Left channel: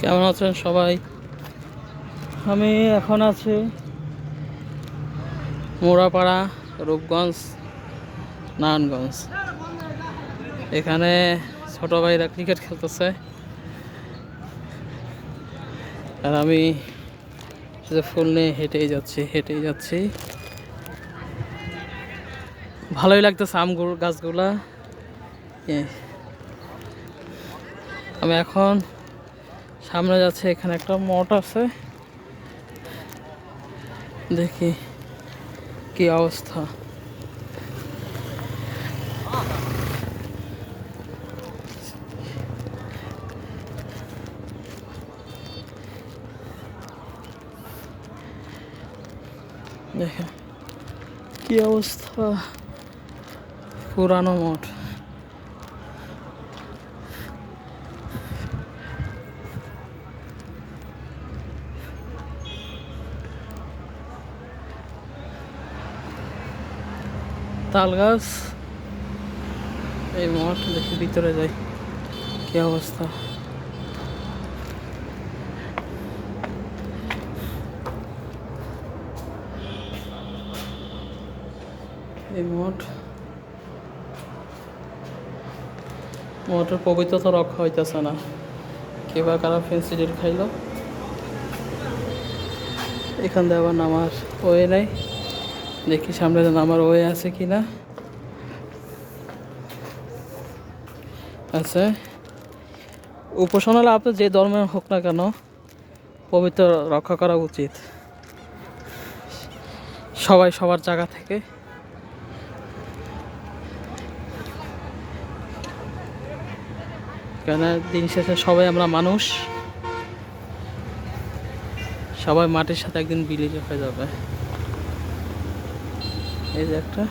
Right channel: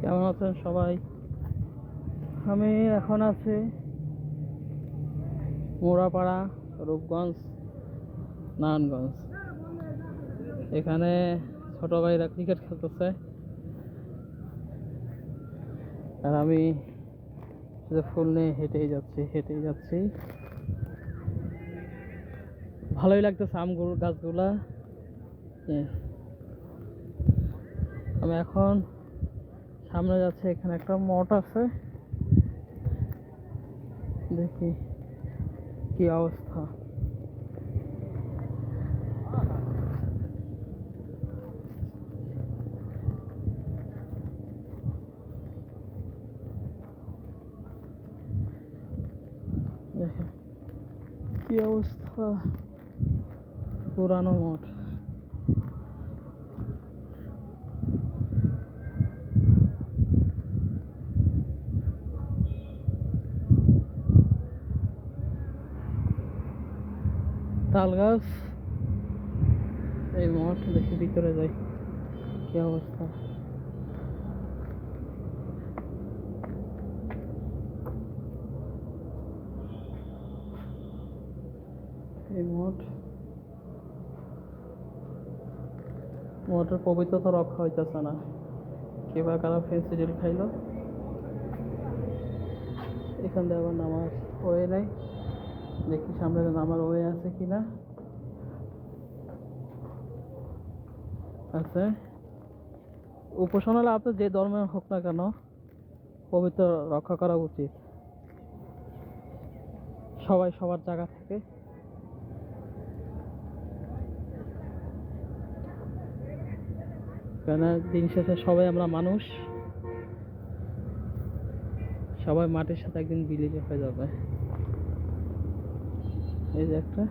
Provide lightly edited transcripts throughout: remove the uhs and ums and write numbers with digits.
কেমন আছেন সবাই? আমি এখন আছি মোড়াপাড়া, রূপগঞ্জ, নারায়ণগঞ্জ। এখানে ছোট ভাইরা ক্রিকেট খেলতেছে আর আমি শুধু ফুল নিয়ে হেঁটেই যাচ্ছি। ভালোই লাগতেছে গাছগুলা। আমি এখন সামনে যাচ্ছি, এখানে একটা মঠ আছে, দেখি কি অবস্থা। দেখেন কি অবস্থা, পুরানো মঠ। তাল গাছ, এই মঠ। দেখি ভিতরে যাই কি অবস্থা। এই মঠের পবিত্রতা রক্ষা হইতেছে না। কেবা কারা ফেন্সিডিল খাইলো। এখান দিয়ে আবার নামার ওয়ে নাই, দেখি সামনে নামার ওয়ে আছে কি না। আছে। উপাসনা হলে আপনার যে ধর্মের হোক না কেন, পবিত্র রক্ষা করা উচিত সবাই সবার জায়গা থেকে। কেন দিন শেষে সবাই আমরা মানুষ, সবাই মাটির সাথে একদিন বিলীন হয়ে যাবে। এই যে একটা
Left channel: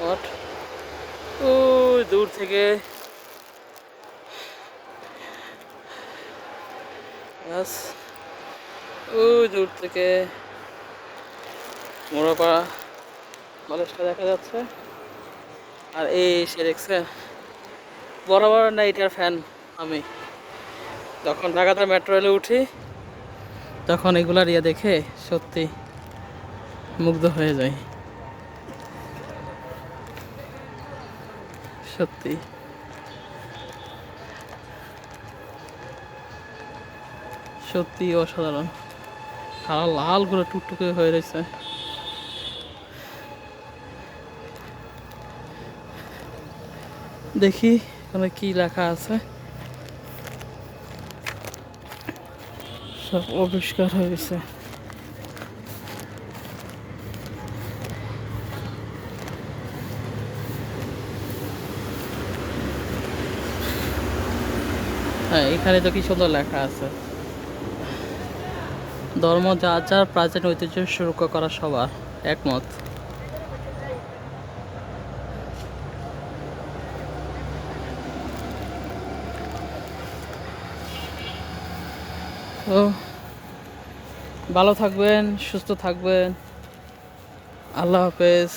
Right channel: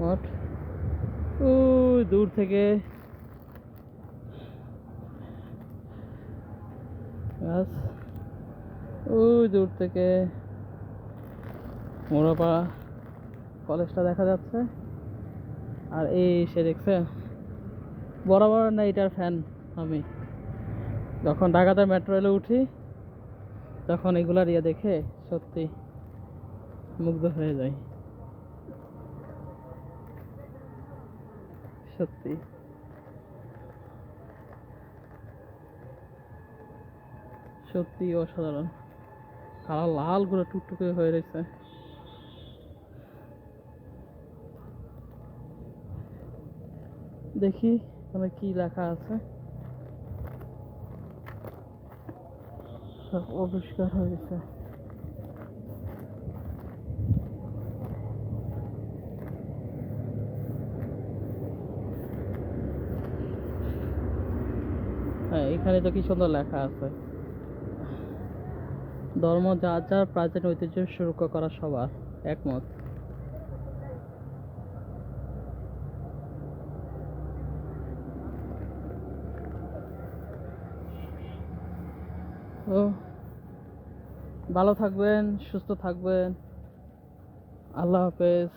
মঠ, ওই দূর থেকে গাছ, ওই দূর থেকে মোড়াপাড়া কলেজটা দেখা যাচ্ছে। আর এই সে দেখছে বরাবর নাইটের ফ্যান আমি। যখন ঢাকাতে মেট্রো রেলে উঠি তখন এগুলার দেখে সত্যি মুগ্ধ হয়ে যায়। সত্যি সত্যি অসাধারণ। সারা লাল করে টুকটুকে হয়ে রয়েছে। দেখি এখানে কি লেখা আছে। সব অপরিষ্কার হয়ে গেছে। হ্যাঁ, এখানে তো কি সুন্দর লেখা আছে, ধর্ম যার যার প্রাচীন ঐতিহ্য সুরক্ষা করা সবার একমত। তো ভালো থাকবেন, সুস্থ থাকবেন। আল্লাহ হাফেজ।